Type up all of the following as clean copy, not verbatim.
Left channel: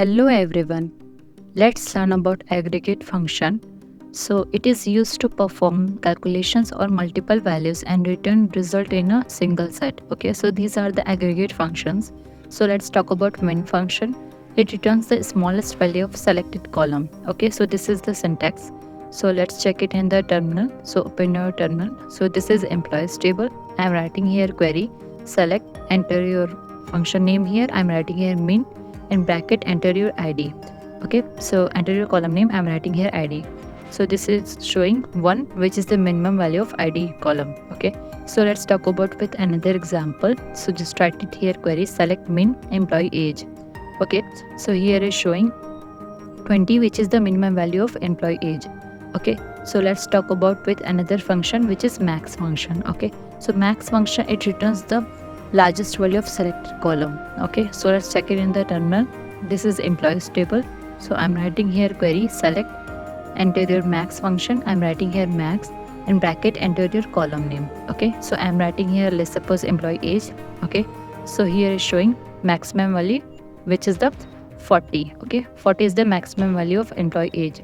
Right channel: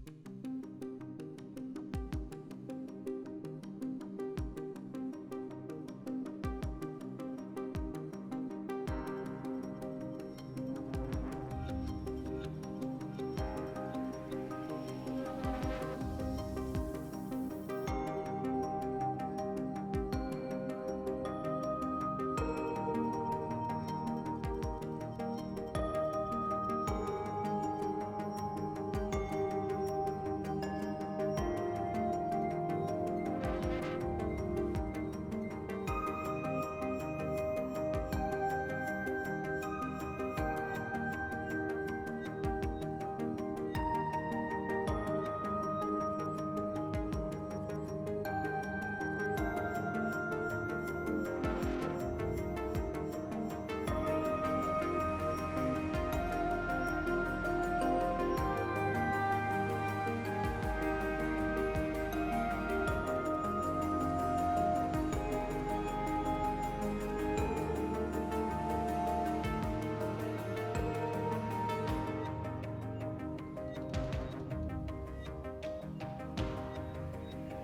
Hello everyone. Let's learn about aggregate function. So it is used to perform calculations or multiple values and return result in a single set. Okay, so these are the aggregate functions. So let's talk about min function. It returns the smallest value of selected column. Okay, so this is the syntax. So let's check it in the terminal. So open your terminal. So this is employees table. I am writing here query. Select, enter your function name here. I am writing here min. In bracket enter your id. Okay, so enter your column name. I'm writing here id. So this is showing 1, which is the minimum value of id column. Okay, so let's talk about with another example. So just write it here query select min employee age. Okay, so here is showing 20, which is the minimum value of employee age. Okay, so let's talk about with another function, which is max function. Okay, so max function, it returns the largest value of selected column. Okay, so let's check it in the terminal. This is employees table. So I'm writing here query select, enter your max function. I'm writing here max, in bracket enter your column name. Okay, so I'm writing here, let's suppose employee age. Okay, so here is showing maximum value, which is the 40. Okay, 40 is the maximum value of employee age.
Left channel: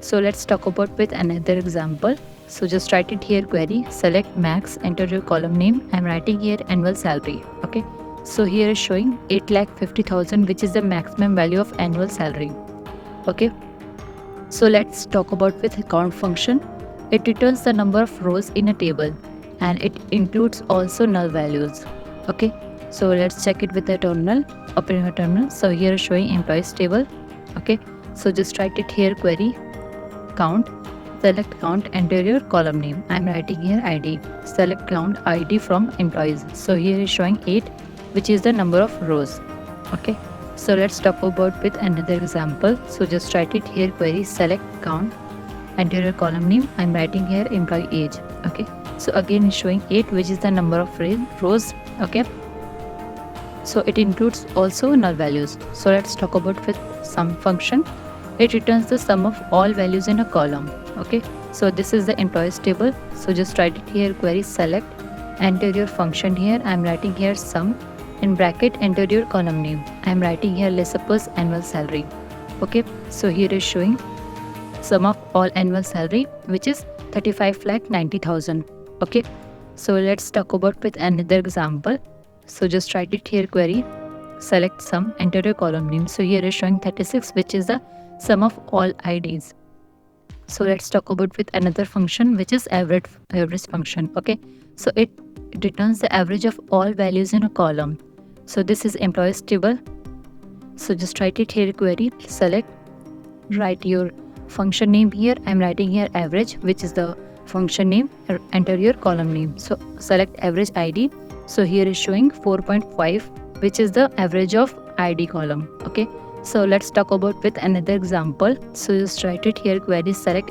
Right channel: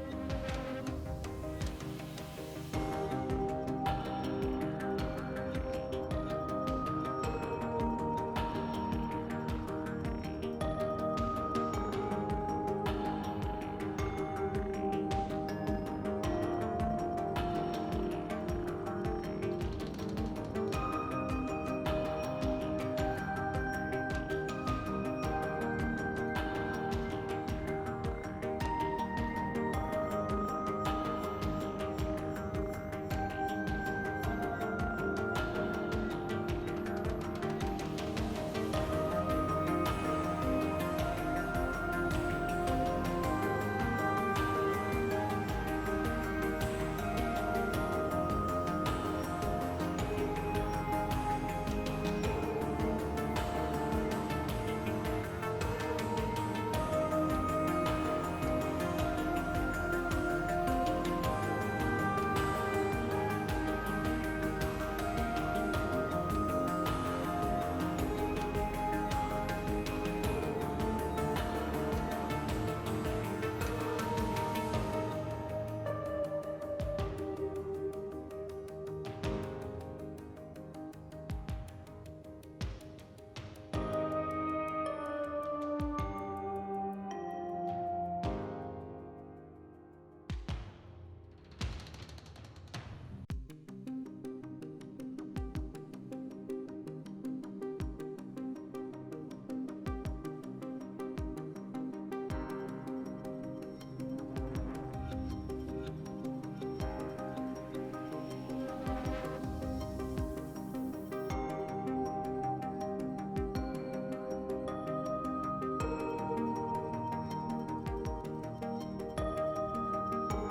So let's talk about with another example. So just write it here query select max, enter your column name. I'm writing here annual salary. Okay, so here is showing 8,50,000, which is the maximum value of annual salary. Okay, so let's talk about with count function. It returns the number of rows in a table and it includes also null values. Okay, so let's check it with the terminal. Open your terminal. So here is showing employees table. Okay, so just write it here query count, select count, enter your column name. I'm writing here id. Select count id from employees. So here is showing 8, which is the number of rows. Okay, so let's talk about with another example. So just write it here query select count, enter your column name. I'm writing here employee age. Okay, so again is showing 8, which is the number of rows. Okay, so it includes also null values. So let's talk about with sum function. It returns the sum of all values in a column. Okay, so this is the employees table. So just write it here query select, enter your function here. I'm writing here sum, in bracket enter your column name. I'm writing here let's suppose annual salary. Okay, so here is showing sum of all annual salary, which is 35,90,000. Okay, so let's talk about with another example. So just write it here query select sum, enter your column name. So here is showing 36, which is the sum of all IDs. So let's talk about with another function, which is average function. Okay, so it returns the average of all values in a column. So this is employees table. So just write it here query select, write your function name here. I'm writing here average, which is the function name, enter your column name. So select average ID. So here is showing 4.5, which is the average of ID column. Okay, so let's talk about with another example. So just write it here query select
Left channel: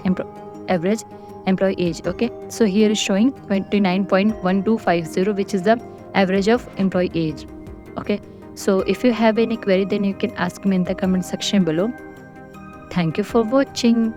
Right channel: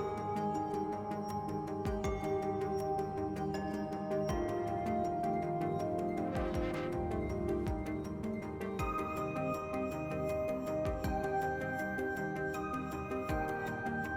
average employee age. Okay, so here is showing 29.1250, which is the average of employee age. Okay, so if you have any query, then you can ask me in the comment section below. Thank you for watching.